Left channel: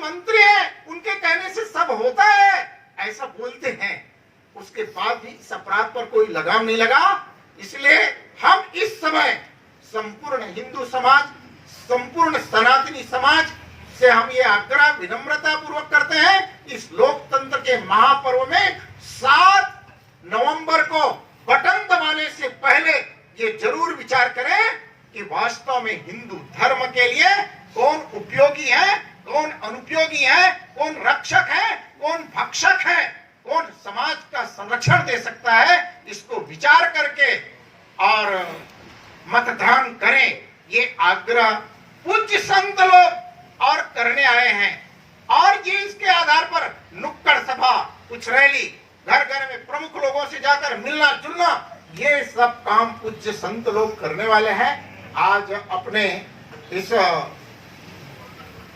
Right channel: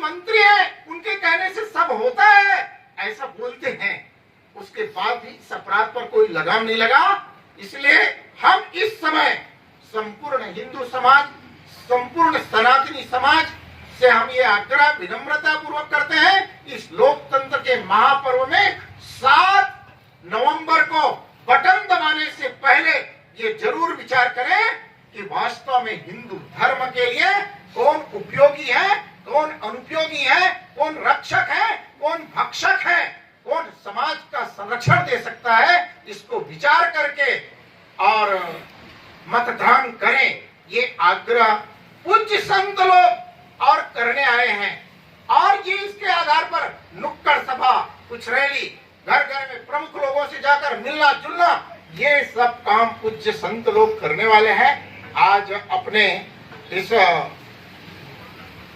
मंत्री हैं, उनके कहने से सब होता है, ऐसा बोलते हैं। उसके बाद भी इस अपराध पर कोई लगाम नहीं लगा। इसलिए हम इस समय संपूर्ण हिंदू समाज, संपूर्ण सनातनी समाज से हम ये आग्रह विनम्रता पूर्वक करते हैं, इस लोकतंत्र के महापर्व में 7 नवंबर को बटन दबाने से पहले ये जरूर विचार करें कि वास्तव में हिंदू धर्म के लिए कौन उपयोगी है, कौन अनुपयोगी है, कौन रक्षक है, कौन भक्षक है, कौन समाज का संरक्षण दे सकता है, इसको विचार करके और मतदान करें। ये आग्रह पूज्य संत लोग और करने आए हैं। और ये इसके आधार पर नुक्कड़ सभा, कुछ रैली, घर घर में प्रमुख लोगों से जाकर मिलना जुलना, ये सब काम पूज्य संत लोग करने वाले हैं। आज अपने इस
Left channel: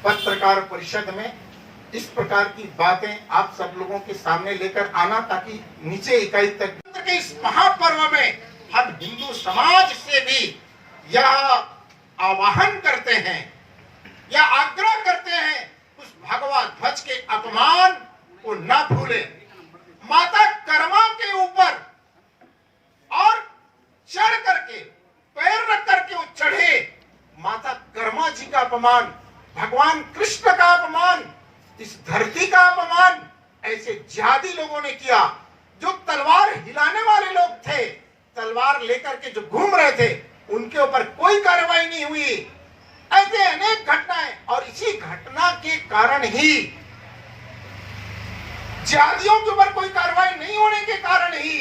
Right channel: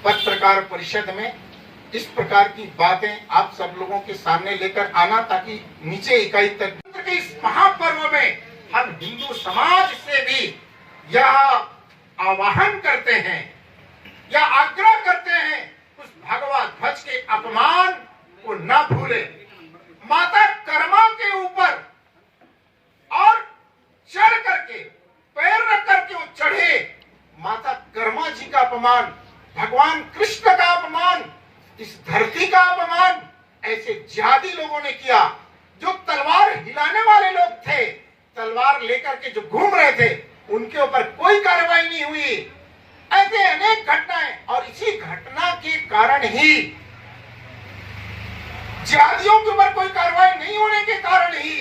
पत्रकार परिषद में इस प्रकार की बातें आप सब लोगों के सामने लेकर आना, ताकि नीचे इकाई तक के इस महापर्व में हम हिंदू समाज से भी यह आह्वान करते हैं या आग्रह करते हैं, उस भगवा ध्वज के अपमान को न भूलें। माता कर्मा के ऊपर और चढ़ करके पैर रख करके वो चढ़े, माता कर्मा जी का अपमान, भगवान कृष्ण का अपमान, इस धरती का अपमान ऐसे जिहादी लोगों ने किया। जो तलवार हिलाने वाले लोग थे, तलवार लेकर के जो घूम रहे थे, उनके ऊपर कोई कार्रवाई नहीं हुई। ऐसे अनेक घटनाएं, और इसी घटना के कारण ही, जिहादियों के ऊपर कोई कार्रवाई नहीं होने के कारण ही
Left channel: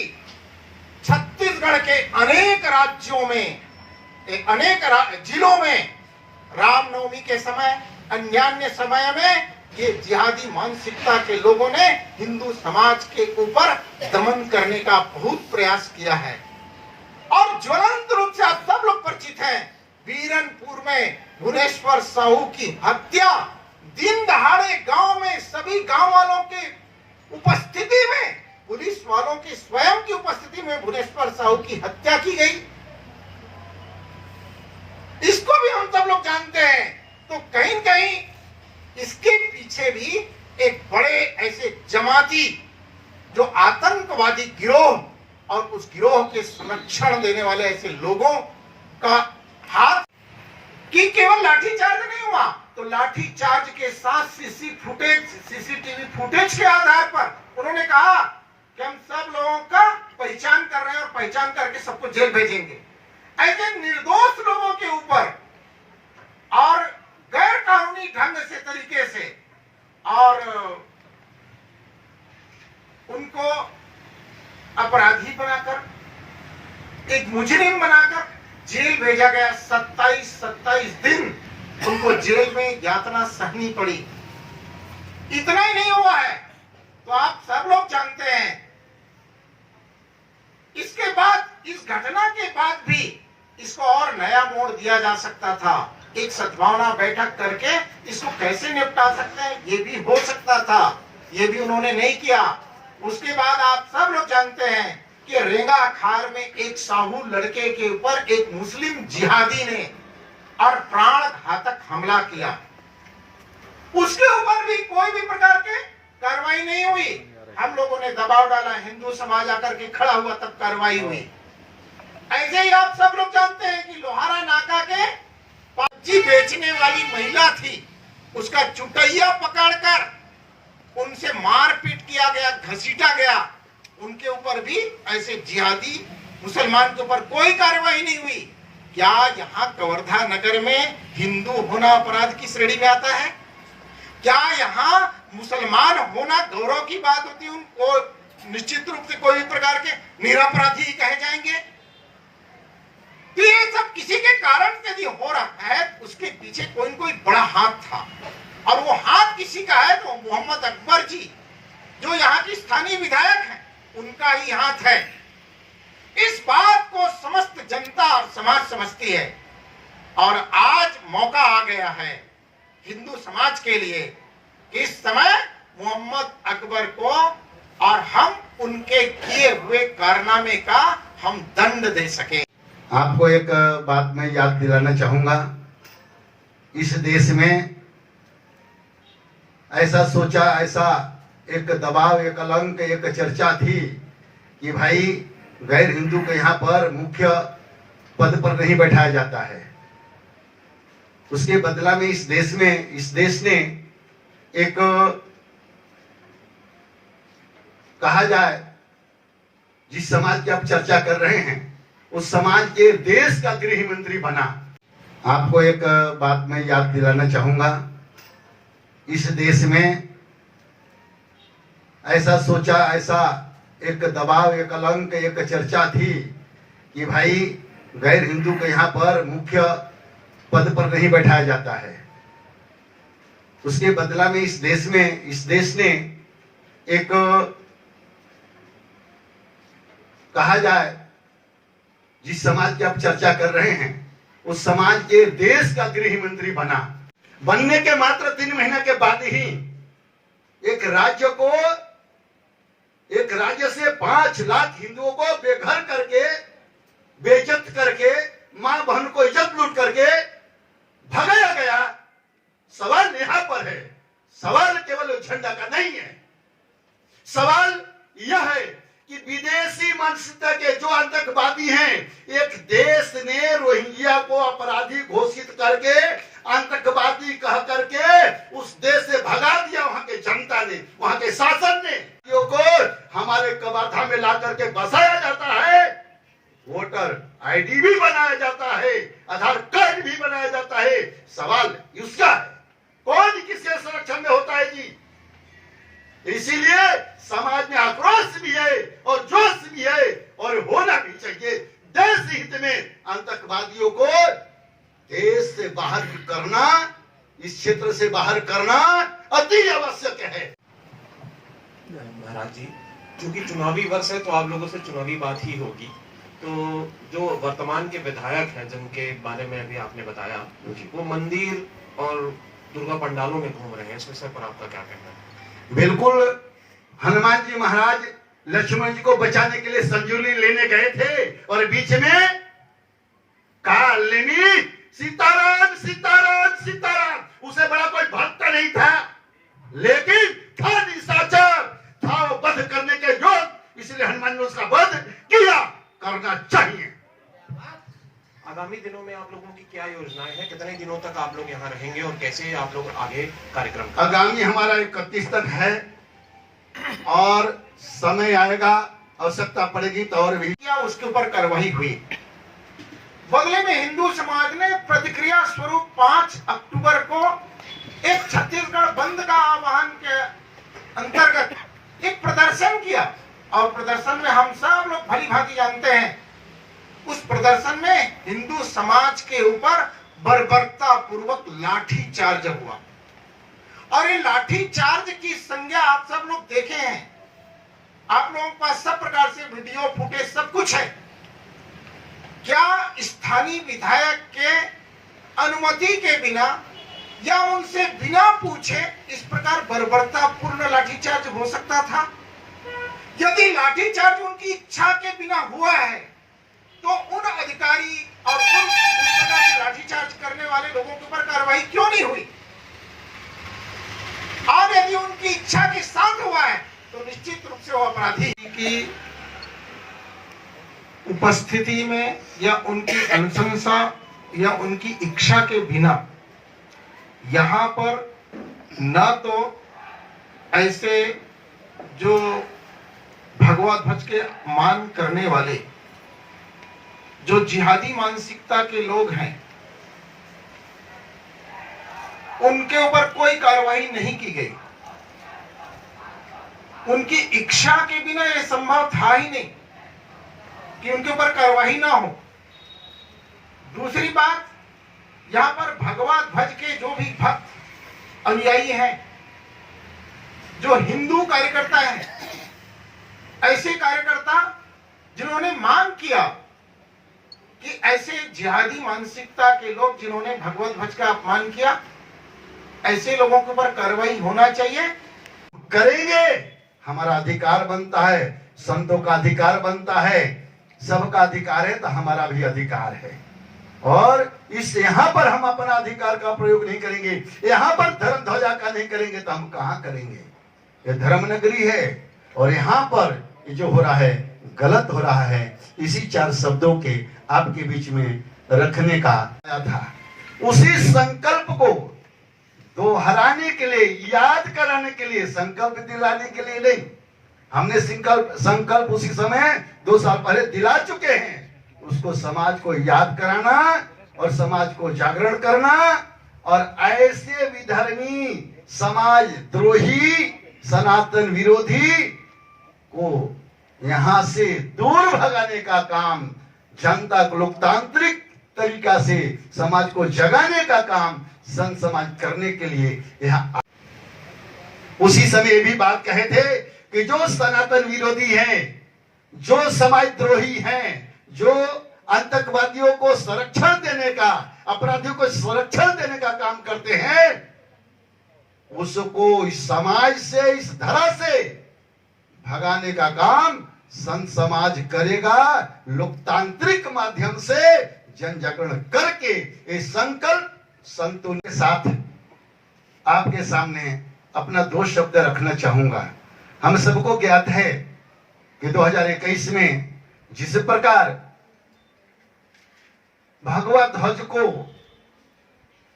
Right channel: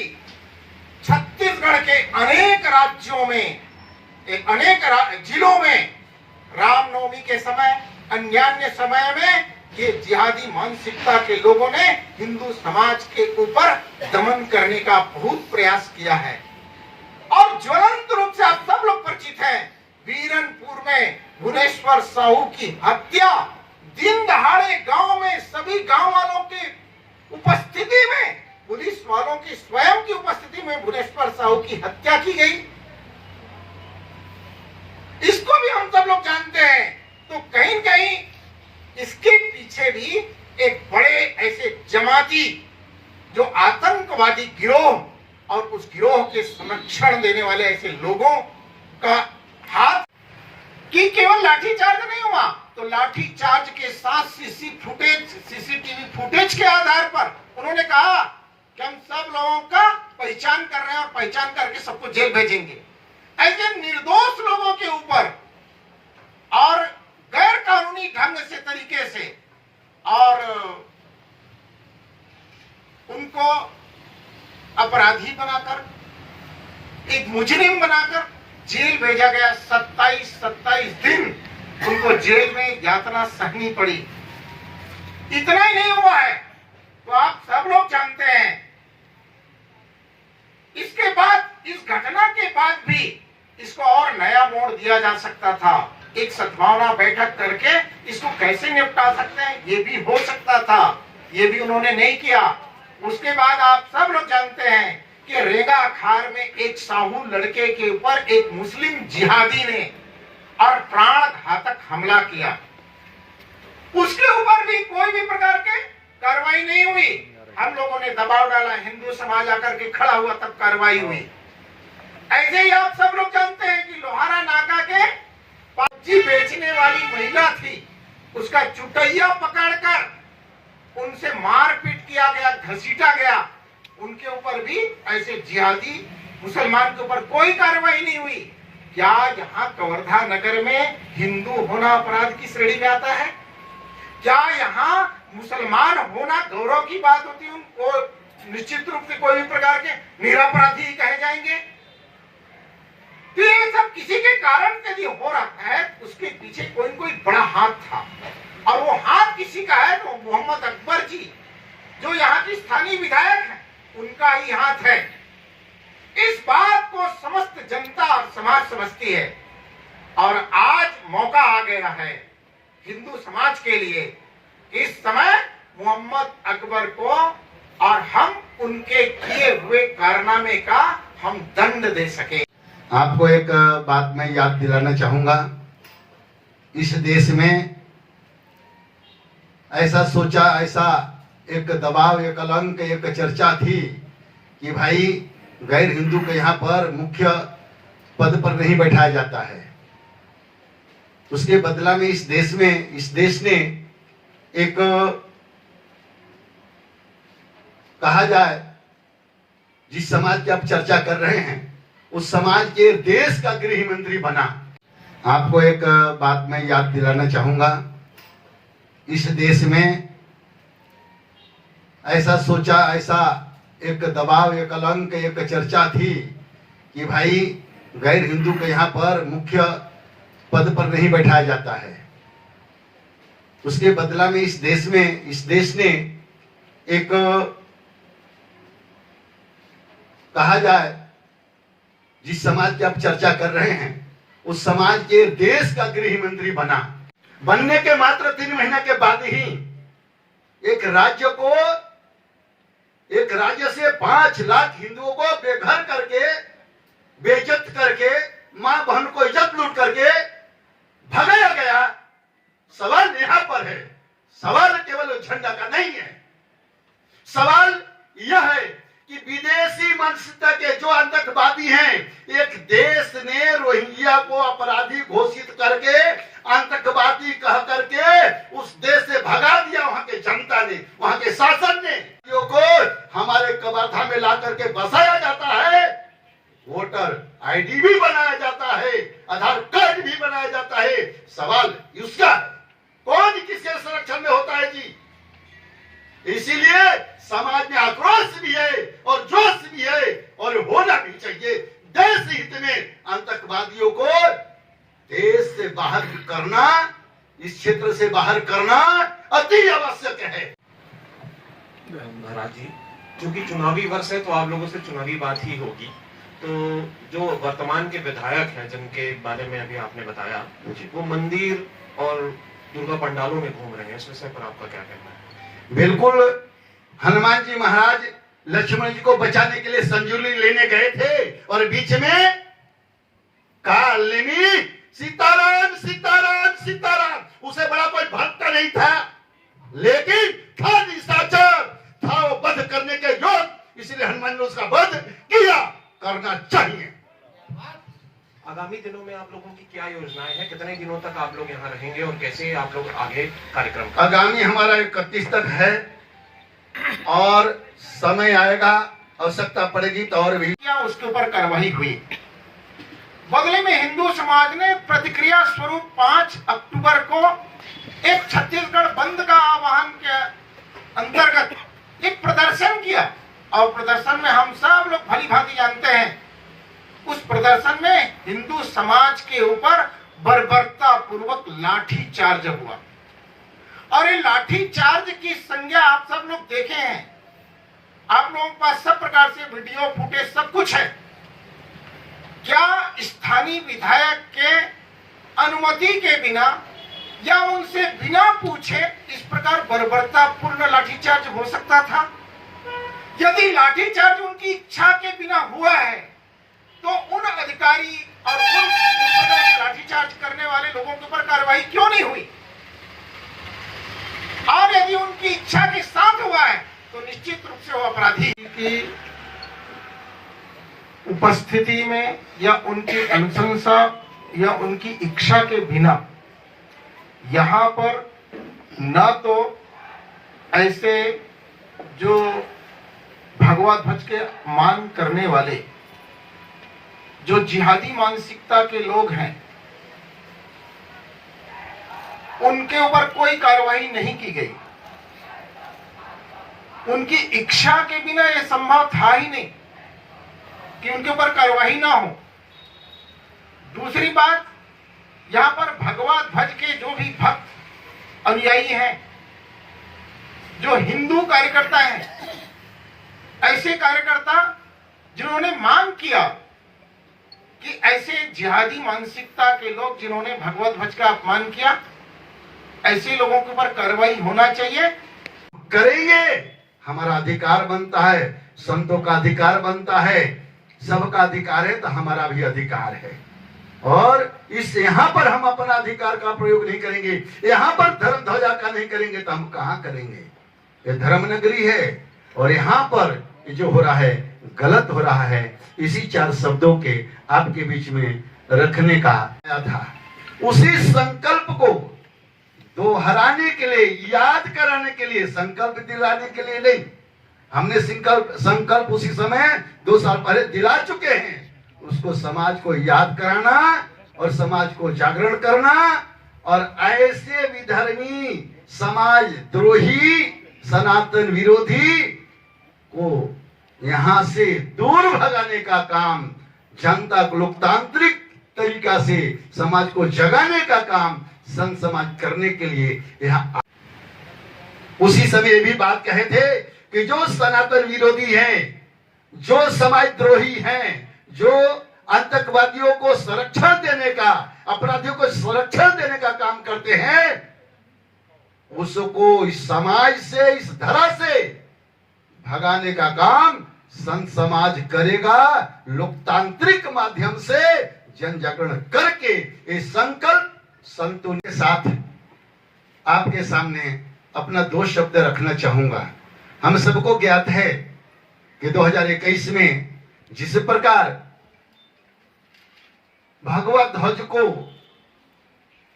छत्तीसगढ़ के अनेक राज्यों में, अनेक जिलों में रामनवमी के समय, अन्य समय में ये जिहादी मानसिकता के लोगों ने हिंदू समाज के ऊपर दमन करने का बहुत प्रयास किया है। और ज्वलंत रूप से आप सब लोग परिचित हैं, बीरनपुर में भुवनेश्वर साहू की हत्या, दिन दहाड़े गांव में सभी गांव वालों के उपस्थिति में, पुलिस वालों की स्वयं की उपस्थिति में भुवनेश्वर साहू की हत्या की गई। इसको भी हम सब लोग जानते हैं। तो कहीं न कहीं इसके पीछे भी एक बड़े ऐसे जमाती, जो आतंकवादी गिरोह और उस गिरोह के संरक्षण देने वाले ऐसे लोगों का हाथ, कि केवल लाठीचार्ज नहीं हुआ, तो लाठीचार्ज के साथ सीसीटीवी फुटेज के आधार पर उन्होंने कहा कि हम सब लोगों का पहचान कर रहे हैं और पहचान करके सबको जेल भेजेंगे। ऐसे निर्दोष लोगों के ऊपर और गैर कानूनी ढंग से, तरीके से, और उनको अपराधी बनाकर, एक मुजरिम बनाकर जेल भेजा गया। 27 दिन उनको जेल में यातना सहनी पड़ी। इतना ही नहीं हुआ है, तो आप सब लोग जानते हैं, इसके बाद, इस घटना के बाद भी इसको और नया मोड़ दिया जा सकता था। एक सद्भावना बैठक करके इसको कैसे निपटा सकते हैं, ये भी हो सकता था, ये भी उन्होंने नहीं किया। उसके बाद आप सब लोग जानते हैं कि रेंगा खार में एक साहू लड़के के ऊपर एक मुस्लिम जिहादी ने और प्राण घातक हमला किया। उसके ऊपर भी कोई भी प्रकार के कार्रवाई नहीं हुई। हम लोगों ने दबाव डाला, हिंदू समाज आकर के खड़ा हुआ, तब कार्रवाई हुई। ऐसे ही आप सब लोग जानते हैं कि लोहारा नाका के सब्जी बेचने वाली महिला थी, उसका चुटैया पकड़कर उनसे मारपीट किया गया, घसीटा गया। उनके ऊपर भी ऐसे जिहादी मुसलमान के ऊपर कोई कार्रवाई नहीं हुई। क्या यहाँ कवर्धा नगर में हिंदू होना अपराध की श्रेणी में आता है? क्या यहाँ मुसलमान होना गौरव की बात होती है? उनको निश्चित रूप से कोई भी प्रकार के निरपराधी कहे जाएंगे। तो ये सब किसी के कारण यदि हो रहा है, उसके पीछे कोई न कोई बड़ा हाथ था, और वो हाथ किसी का है तो मोहम्मद अकबर जी, जो यहाँ की स्थानीय विधायक है, उनका ही हाथ है। इस बात को समस्त जनता और समाज समझती है, और आज मौका आ गया है हिंदू समाज के लिए। इस समय मोहम्मद अकबर को और हम उनके किए हुए कारनामे का हम दंड दे सके। आपको एक बात मैं याद दिलाना चाहूंगा, इस देश में ऐसा सोचा, ऐसा एक दबाव, एक कलंक, एक चर्चा थी कि भाई गैर हिंदू को यहाँ पर मुख्य पद पर नहीं बैठाया जाता है। उसके बदला में इस देश ने एक कहा जाए जिस समाज की आप चर्चा कर रहे हैं उस समाज के देश का गृह मंत्री बना। आपको एक बात मैं याद दिलाना चाहूंगा, इस देश में ऐसा सोचा, ऐसा एक दबाव, एक कलंक, एक चर्चा थी कि भाई गैर हिंदू को यहाँ पर मुख्य पद पर नहीं बैठाया जाता है। उसके बदला में इस देश ने एक कहा जाए जिस समाज की आप चर्चा कर रहे हैं उस समाज के देश का गृह मंत्री बना। बनने के मात्र 3 महीने के बाद ही एक राज्य से 5 लाख हिंदुओं को बेघर करके, बेइज्जत करके, मां बहन को इज्जत लूट करके भगाया गया। सवाल यहां पर है, सवाल केवल झंडा का नहीं है। सवाल यह है कि विदेशी मानसिकता के जो आतंकवादी हैं, एक देश ने रोहिंग्या को अपराधी घोषित करके, आतंकवादी कह करके उस देश से भगा दिया। वहां के जनता ने, वहां के शासन ने को हमारे कवर्धा में ला करके बसाया जाता है। वोटर आईडी भी बनाया जाता है, आधार कार्ड भी बनाया जाता है। सवाल उसका है, कौन किसके संरक्षण में होता है जी? इसीलिए समाज में आक्रोश भी है और जोश भी है और होना भी चाहिए। देश हित में आतंकवादियों को देश से बाहर करना, इस क्षेत्र से बाहर करना अति आवश्यक है। महाराज जी, चूंकि चुनावी वर्ष है तो आप लोगों से चुनावी बात ही होगी। तो जो वर्तमान के विधायक हैं जिनके बारे में अभी आपने बताया, वो मंदिर और दुर्गा पंडालों में घूम रहे हैं, इस विषय पर आपका क्या कहना है? बिल्कुल, हनुमान जी महाराज लक्ष्मण जी को बचाने के लिए संजीवनी लेने गए थे और बीच में कालिनी सीताराम सीताराम सीताराम, उसे बड़ा कोई भक्त नहीं था, लेकिन था निशाचर, था वो वध करने के योग्य, इसलिए हनुमान ने उसका वध किया। करना चाहिए। आगामी दिनों में आप लोगों की क्या योजनाएं हैं? कितने दिनों तक आप लोग यहाँ रहेंगे और कैसे आप लोग आगे कार्यक्रम? आगामी हमारा 31 तक है और समय आएगा, आवश्यकता पड़ेगी तो और भी उसके ऊपर कार्रवाई हुई। बदले में हिंदू समाज ने प्रतिक्रिया स्वरूप 5 अक्टूबर को एक छत्तीसगढ़ बंद का आह्वान के अंतर्गत एक प्रदर्शन किया और प्रदर्शन में हम सब लोग भली भांति जानते हैं, उस प्रदर्शन में हिंदू समाज के ऊपर बर्बरता पूर्वक लाठी चार्ज हुआ। और ये लाठी चार्ज की संज्ञा आप सब लोग देखे हैं, आप लोगों के पास सब प्रकार से वीडियो फुटेज सब कुछ है। क्या स्थानीय विधायक के अनुमति के बिना या उनसे बिना पूछे इस प्रकार बर्बरता पूर्ण लाठीचार्ज हो सकता था? यदि लाठीचार्ज उनकी इच्छा के बिना हुआ है तो उन अधिकारी और उन इस प्रकार के लाठीचार्ज करने वाले लोगों के ऊपर कार्रवाई क्यों नहीं हुई? और यदि उनकी इच्छा के साथ हुआ है तो निश्चित रूप से वो अपराधी की उपस्थिति में या उनकी अनुशंसा या उनकी इच्छा के बिना यहाँ पर न तो ऐसे जो भगवा ध्वज के मान करने वाले जो जिहादी मानसिकता के लोग हैं उनके ऊपर कोई कार्रवाई नहीं की गई। उनकी इच्छा के बिना यह संभव था ही नहीं कि उनके ऊपर कार्रवाई ना हो। दूसरी बात, यहां पर भगवा ध्वज के जो भी भक्त अनुयायी हैं, जो हिंदू कार्यकर्ता हैं, ऐसे कार्यकर्ता जिन्होंने मांग किया कि ऐसे जिहादी मानसिकता के लोग जिन्होंने भगवा ध्वज का अपमान किया, ऐसे लोगों के ऊपर कार्रवाई होना चाहिए। करेंगे, हमारा अधिकार बनता है, संतों का अधिकार बनता है, सबका अधिकार है तो हमारा भी अधिकार है। और इस यहाँ पर हम अपना अधिकार का प्रयोग नहीं करेंगे, यहाँ पर धर्म ध्वजा का नहीं करेंगे, तो हम कहाँ करेंगे? ये धर्म नगरी है और यहाँ पर जो हो रहा है गलत हो रहा है। इसी 4 शब्दों के आपके बीच में रखने का आया था। उसी संकल्प को दोहराने के लिए, याद कराने के लिए, संकल्प दिलाने के लिए नहीं। हमने संकल्प उसी समय 2 साल पहले दिला चुके हैं। उसको समाज को याद कराना और समाज को जागरण करना और ऐसे विधर्मी, समाज द्रोही, सनातन विरोधी को यहां से दूर भगाने का काम, जनता को लोकतांत्रिक तरीका से समाज को जगाने का काम संत समाज करने के लिए यहाँ। उसी समय भी बात कहे थे कि जो सनातन विरोधी हैं, जो समाज द्रोही हैं, जो आतंकवादियों को संरक्षण देने का, अपराधियों को संरक्षण देने का काम करते हैं, उसको इस समाज से, इस धरा से भगाने का काम संत समाज करेगा। लोकतांत्रिक माध्यम से जन जागरण करके ये संकल्प संतों के साथ आपके सामने अपना 2 शब्द रखना चाहूंगा। हम सबको ज्ञात है कि 2021 में जिस प्रकार भगवा ध्वज को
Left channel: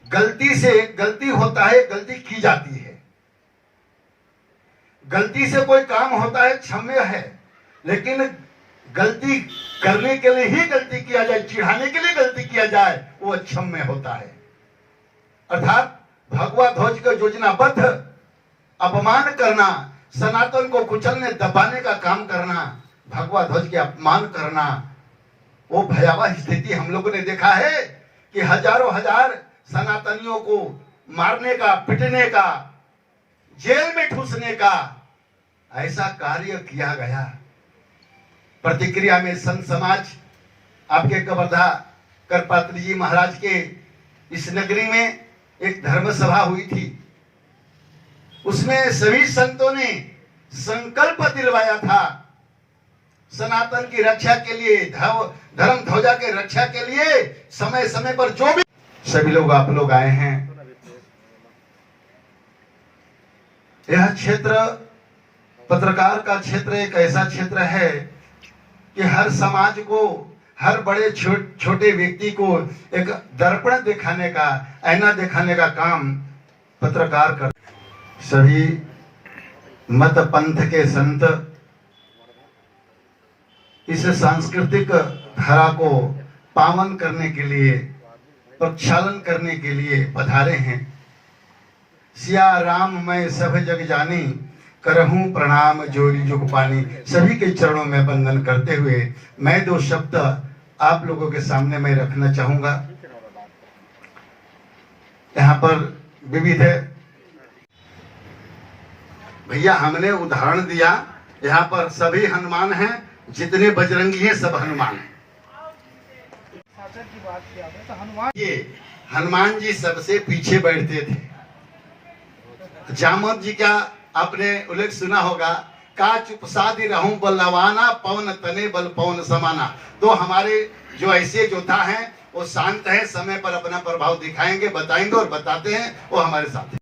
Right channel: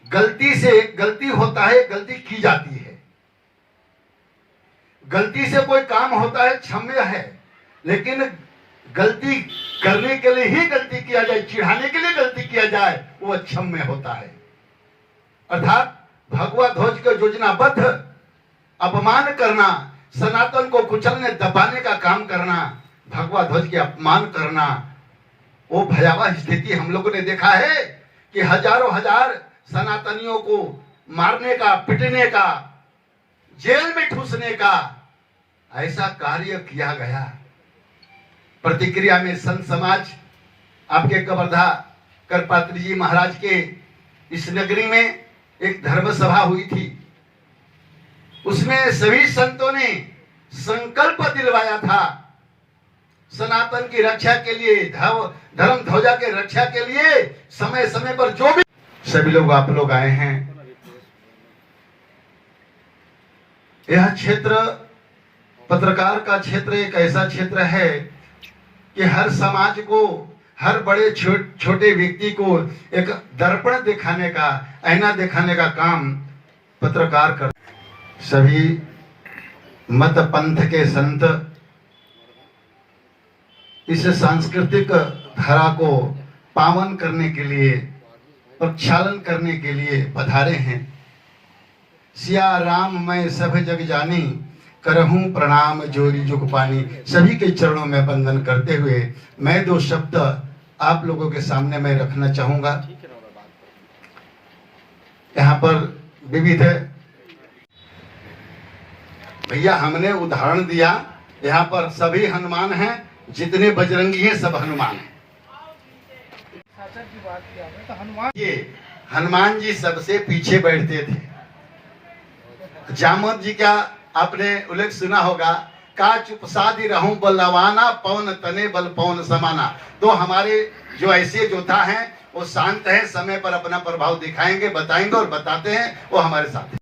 गलती होता है, गलती की जाती है, गलती से कोई काम होता है, क्षम्य है, लेकिन गलती करने के लिए ही गलती किया जाए, चिढ़ाने के लिए गलती किया जाए, वो अक्षम्य होता है। अर्थात भगवा ध्वज का योजनाबद्ध अपमान करना, सनातन को कुचलने दबाने का काम करना, भगवा ध्वज के अपमान करना, वो भयावह स्थिति हम लोगों ने देखा है कि हजारों हजार सनातनियों को मारने का, पिटने का, जेल में ठूसने का ऐसा कार्य किया गया। प्रतिक्रिया में संत समाज, आपके कवर्धा करपात्री जी महाराज के इस नगरी में एक धर्म सभा हुई थी। उसमें सभी संतों ने संकल्प दिलवाया था सनातन की रक्षा के लिए, धर्म ध्वजा के रक्षा के लिए समय समय पर जो भी सभी लोग, आप लोग आए हैं। यह क्षेत्र, पत्रकार का क्षेत्र एक ऐसा क्षेत्र है कि हर समाज को, हर बड़े छोटे व्यक्ति को एक दर्पण दिखाने का, आईना दिखाने का काम पत्रकार कर। सभी मत पंथ के संत इस सांस्कृतिक धारा को पावन करने के लिए, प्रक्षालन करने के लिए पधारे हैं। सिया राम मैं सब जग जानी, करहूं प्रणाम जोरी जुग पानी। सभी के चरणों में वंदन करते हुए मैं 2 शब्द आप लोगों के सामने मैं रखना चाहूंगा। यहाँ पर विविध भैया हमने उदाहरण दिया, यहाँ पर सभी हनुमान हैं, जितने बजरंगी हैं सब हनुमान हैं। ये हनुमान जी सबसे पीछे बैठते थे। जामवंत जी का आपने उल्लेख सुना होगा, का चुपसादी रहूं बलवाना, पवन तने बल पवन समाना। तो हमारे जो ऐसे योद्धा हैं वो शांत हैं, समय पर अपना प्रभाव दिखाएंगे, बताएंगे और बताते हैं, वो हमारे साथ हैं।